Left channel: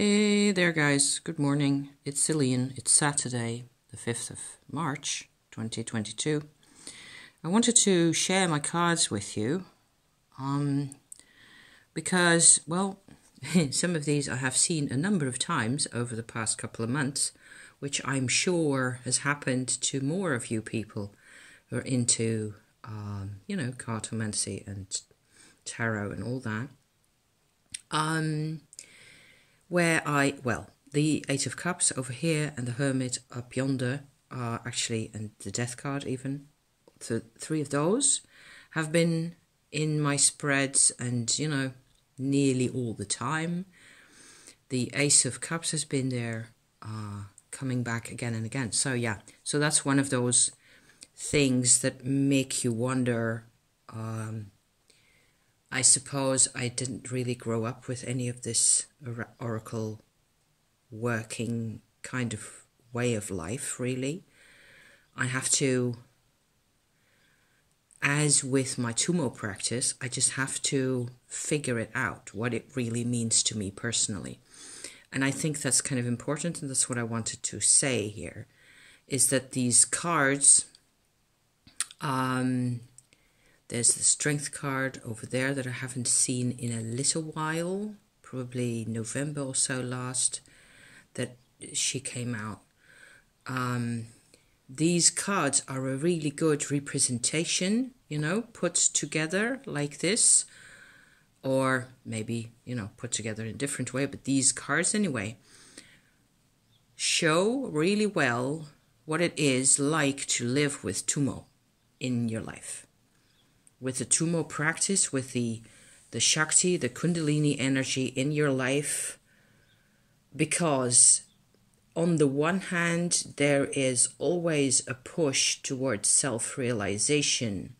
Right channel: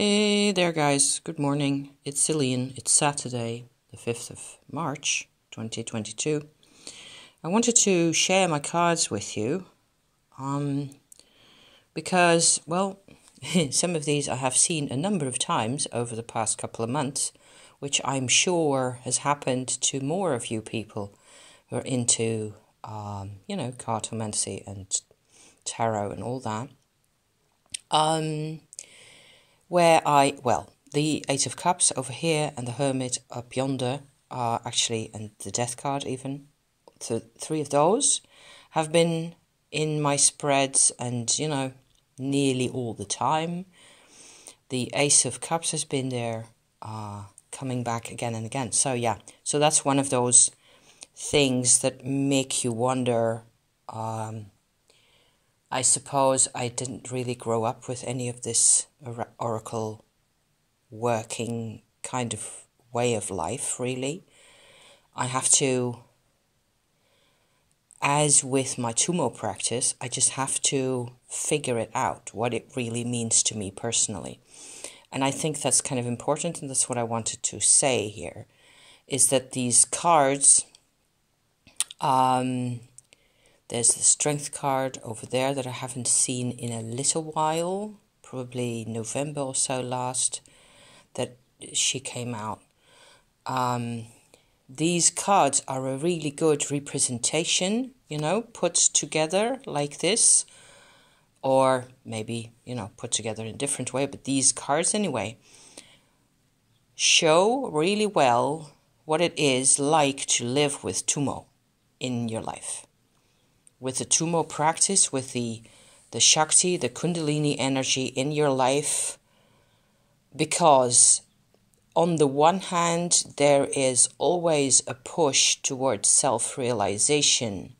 Hey there guys, good morning. It's Celine. It's Saturday, the 5th of March, 2022. I wanted to share my cards with you because, well, some of these I have seen a number of times over the past couple of months, which I'm sure has happened to more of you people who are into, cartomancy and tarot and all that. The Eight of Cups over here and the Hermit up yonder are actually, and the Death card even, so three of those have been in my spreads and, nearly all the time. The Ace of Cups has been there, coming back again and again. So so that's one of those things that make you wonder. I suppose I didn't really grow up with any of this oracle working kind of way of life, really. I have to, as with my Tummo practice, I just have to figure it out, what it really means to me personally. And I think that's kind of important, and that's what I wanted to say here, is that these cards, there's the Strength card over there that I haven't seen in a little while, probably November or so last, that she came out. These cards are a really good representation, put together like this, or maybe, put together in a different way, but these cards anyway show really well what it is like to live with Tummo in your life. With the Tummo practice, with the Shakti, the Kundalini energy in your life, because on the one hand, there is always a push towards self-realization,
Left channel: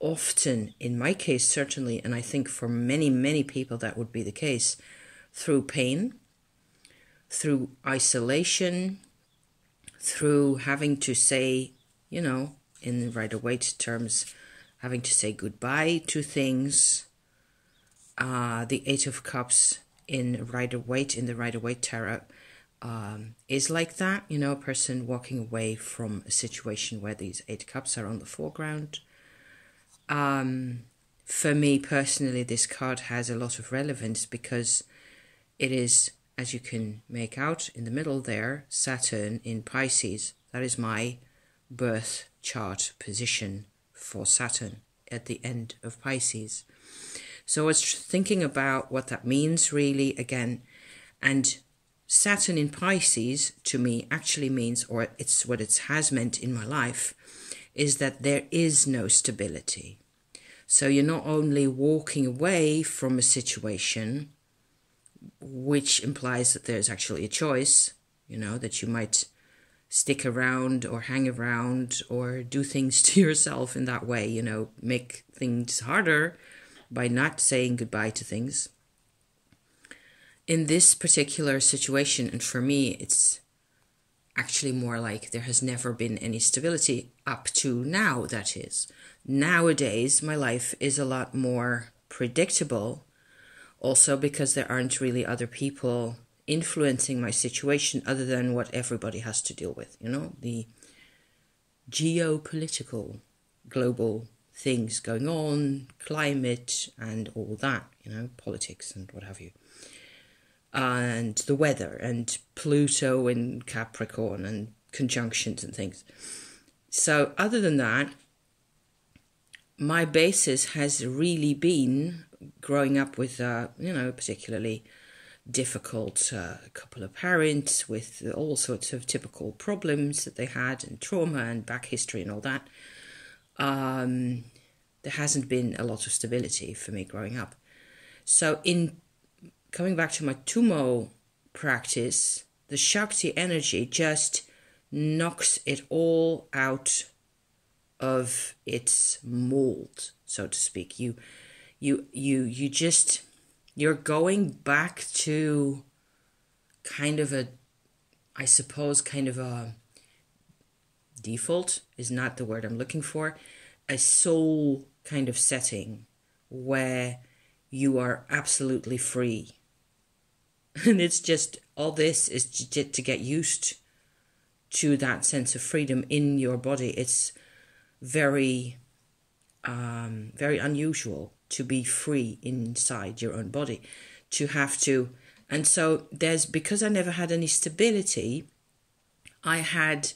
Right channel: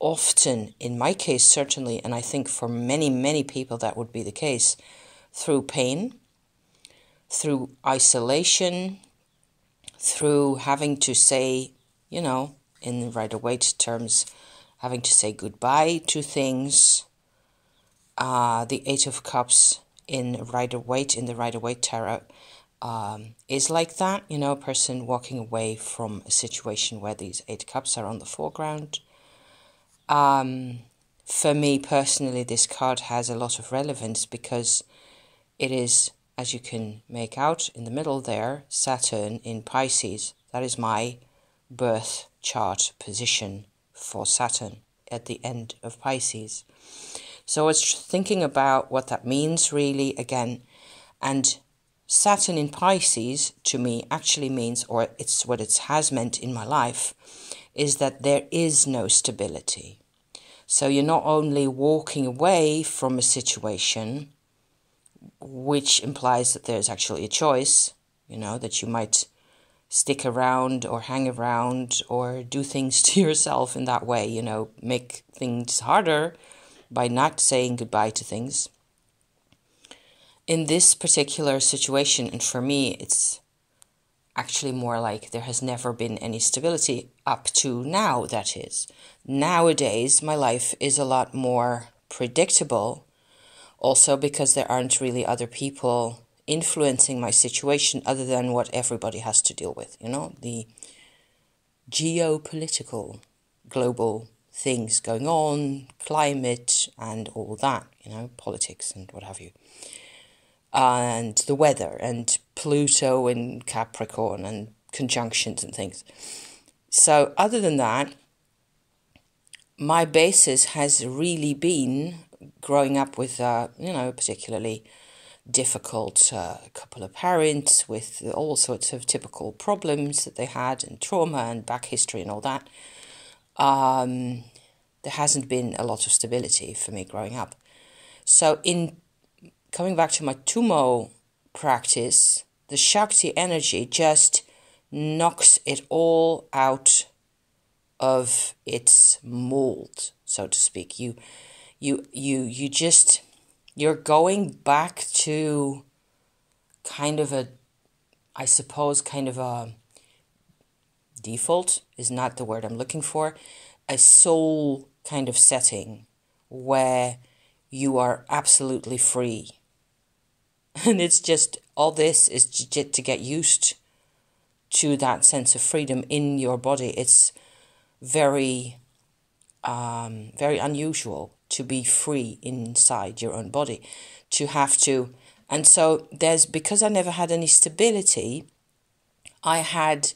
often, in my case certainly, and I think for many, many people that would be the case, through pain, through isolation, through having to say, in Rider-Waite terms, having to say goodbye to things. The Eight of Cups in Rider-Waite, in the Rider-Waite Tarot, is like that. A person walking away from a situation where these Eight Cups are on the foreground. For me personally, this card has a lot of relevance because it is, as you can make out in the middle there, Saturn in Pisces. That is my birth chart position for Saturn at the end of Pisces. So it's thinking about what that means really again. And Saturn in Pisces to me actually means, or it's what it has meant in my life, is that there is no stability. So you're not only walking away from a situation, which implies that there's actually a choice, that you might stick around or hang around or do things to yourself in that way, make things harder by not saying goodbye to things. In this particular situation, and for me, it's actually more like there has never been any stability up to now, that is. Nowadays, my life is a lot more predictable, also because there aren't really other people influencing my situation other than what everybody has to deal with, the geopolitical global things going on, climate and all that, politics and what have you, and the weather and Pluto and Capricorn and conjunctions and things. So other than that, my basis has really been growing up with, particularly difficult couple of parents with all sorts of typical problems that they had and trauma and back history and all that. There hasn't been a lot of stability for me growing up. So in coming back to my Tummo practice, the Shakti energy just knocks it all out of its mold, so to speak. You're going back to kind of a default is not the word I'm looking for, a soul kind of setting where you are absolutely free And it's just, all this is to get used to that sense of freedom in your body. It's very, very unusual to be free inside your own body, to have to. And so because I never had any stability, I had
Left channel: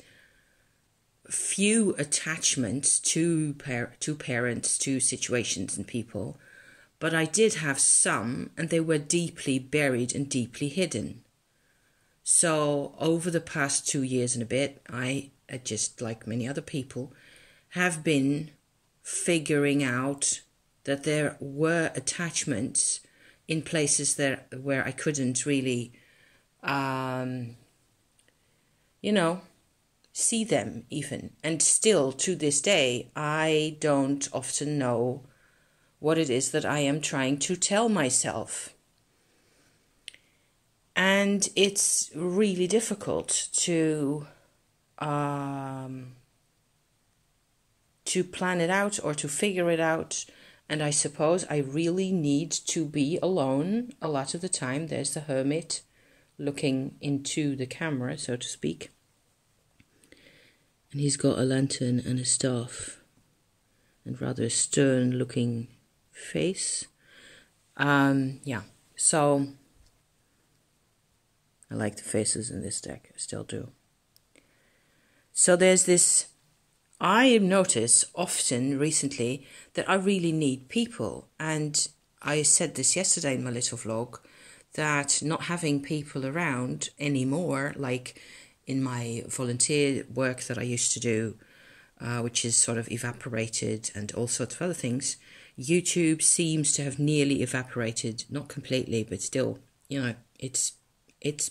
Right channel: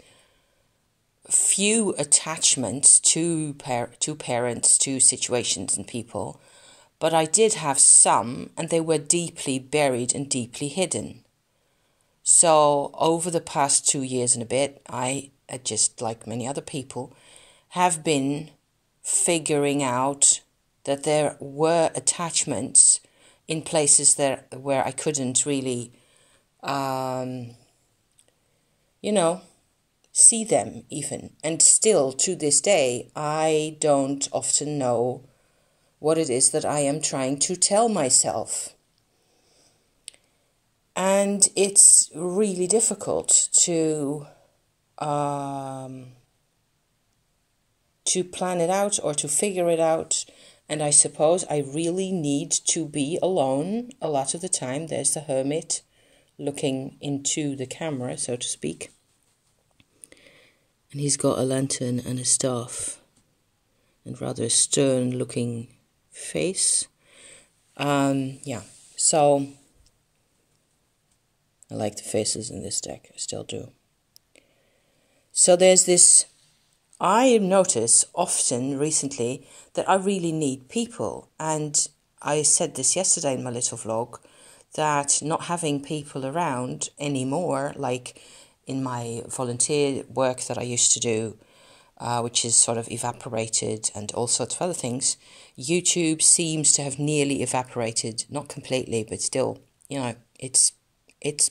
few attachments to parents, to situations and people, but I did have some, and they were deeply buried and deeply hidden. So over the past 2 years and a bit, I, just like many other people, have been figuring out that there were attachments in places where I couldn't really, see them even. And still to this day, I don't often know what it is that I am trying to tell myself. And it's really difficult to plan it out or to figure it out. And I suppose I really need to be alone a lot of the time. There's the hermit looking into the camera, so to speak. And he's got a lantern and a staff and rather a stern looking face. So I like the faces in this deck, I still do. So there's this, I notice often recently that I really need people. And I said this yesterday in my little vlog, that not having people around anymore, like in my volunteer work that I used to do, which is sort of evaporated, and all sorts of other things, YouTube seems to have nearly evaporated, not completely, but still, it's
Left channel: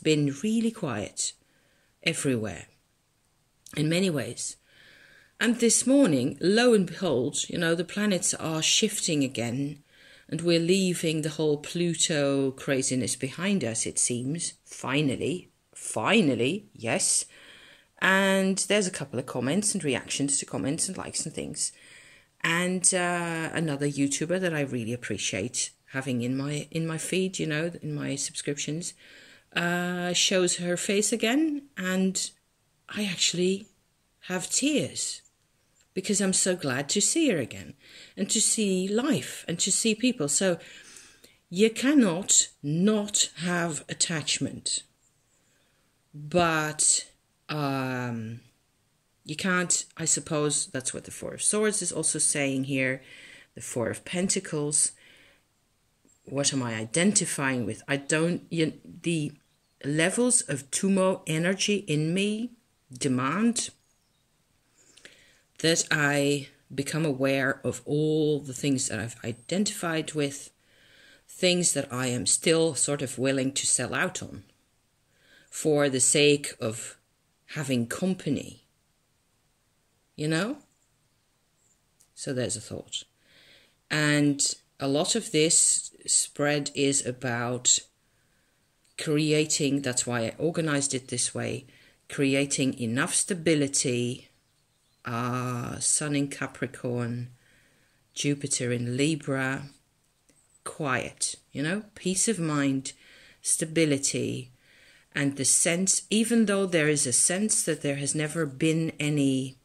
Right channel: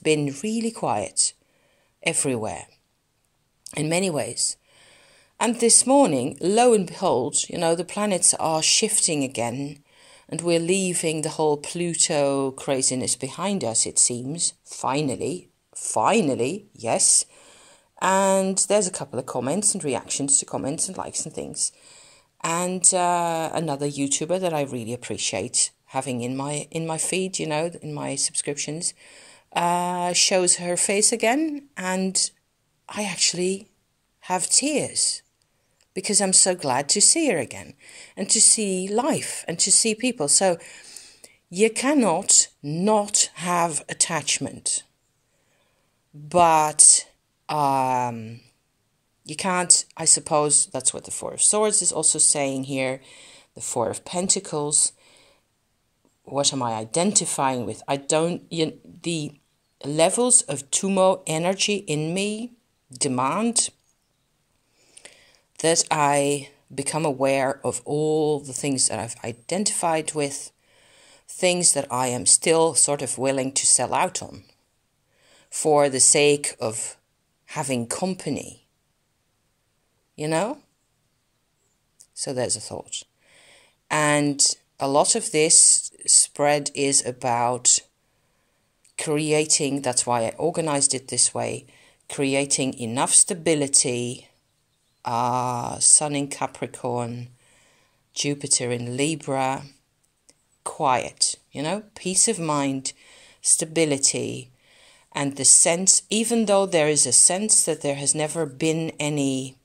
been really quiet everywhere in many ways. And this morning, lo and behold, the planets are shifting again, and we're leaving the whole Pluto craziness behind us, it seems. Finally, yes. And there's a couple of comments and reactions to comments and likes and things. And another YouTuber that I really appreciate having in my feed, in my subscriptions, shows her face again, and I actually have tears because I'm so glad to see her again and to see life and to see people. So you cannot not have attachment, but you can't, I suppose that's what the Four of Swords is also saying here, the Four of Pentacles. What am I identifying with? The levels of Tummo energy in me demand that I become aware of all the things that I've identified with, things that I am still sort of willing to sell out on for the sake of having company, So there's a thought. And a lot of this spread is about creating, that's why I organized it this way, creating enough stability, Sun in Capricorn, Jupiter in Libra, quiet, peace of mind, stability, and the sense, even though there is a sense that there has never been any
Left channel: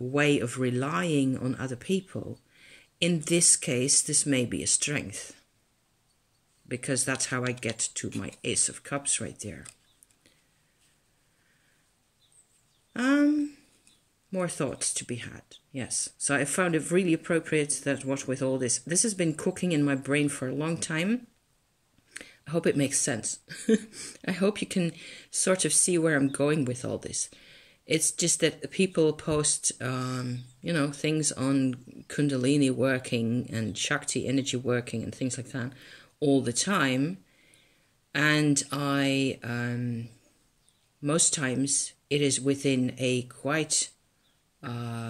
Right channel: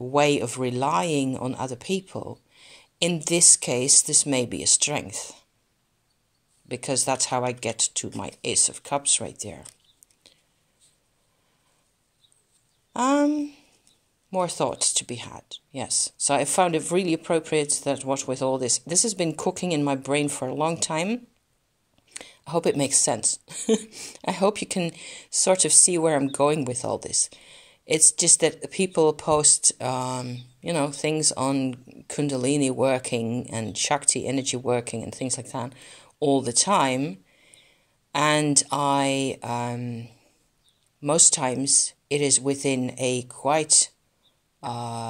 way of relying on other people, in this case, this may be a strength, because that's how I get to my Ace of Cups right there. More thoughts to be had, yes. So I found it really appropriate that what with all this has been cooking in my brain for a long time. I hope it makes sense. I hope you can sort of see where I'm going with all this. It's just that people post, things on Kundalini working and Shakti energy working and things like that all the time. And I, most times, it is within a quite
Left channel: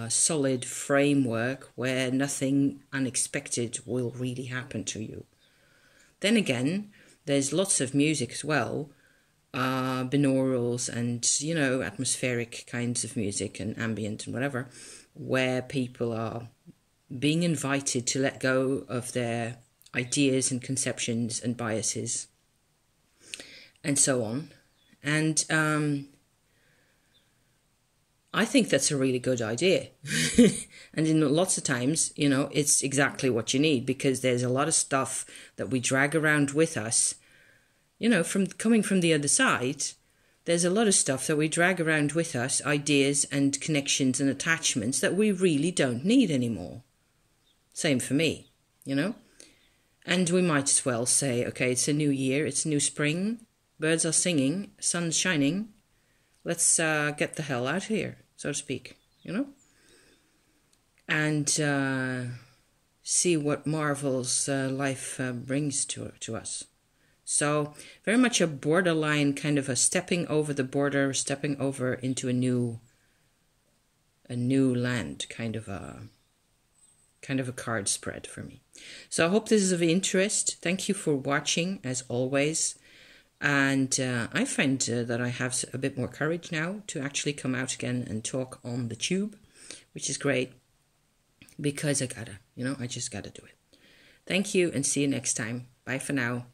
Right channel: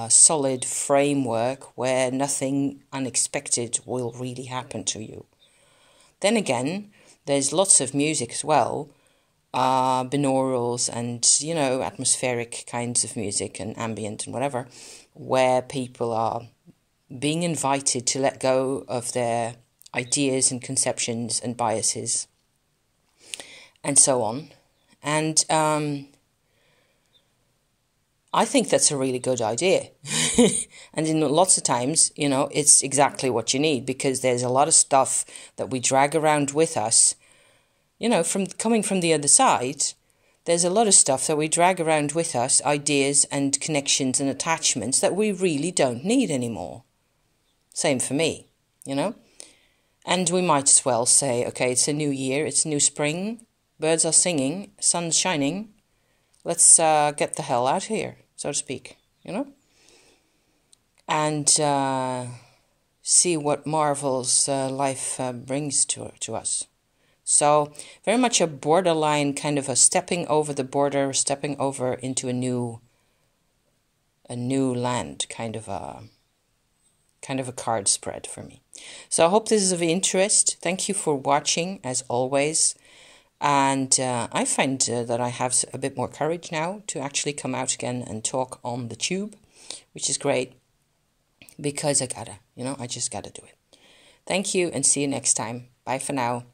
solid framework where nothing unexpected will really happen to you. Then again, there's lots of music as well, binaurals and, atmospheric kinds of music and ambient and whatever, where people are being invited to let go of their ideas and conceptions and biases and so on. And I think that's a really good idea. And in lots of times, you know, it's exactly what you need, because there's a lot of stuff that we drag around with us, you know, from coming from the other side. There's a lot of stuff that we drag around with us, ideas and connections and attachments that we really don't need anymore. Same for me, you know. And we might as well say, okay, it's a new year, it's a new spring, birds are singing, sun's shining, let's get the hell out of here, so to speak, you know. And see what marvels life brings to us. So very much a borderline, kind of a stepping over the border, stepping over into a new land, kind of a card spread for me. So I hope this is of interest. Thank you for watching, as always. And I find that I have a bit more courage now to actually come out again and talk on the tube, which is great, because I just gotta do it. Thank you, and see you next time. Bye for now.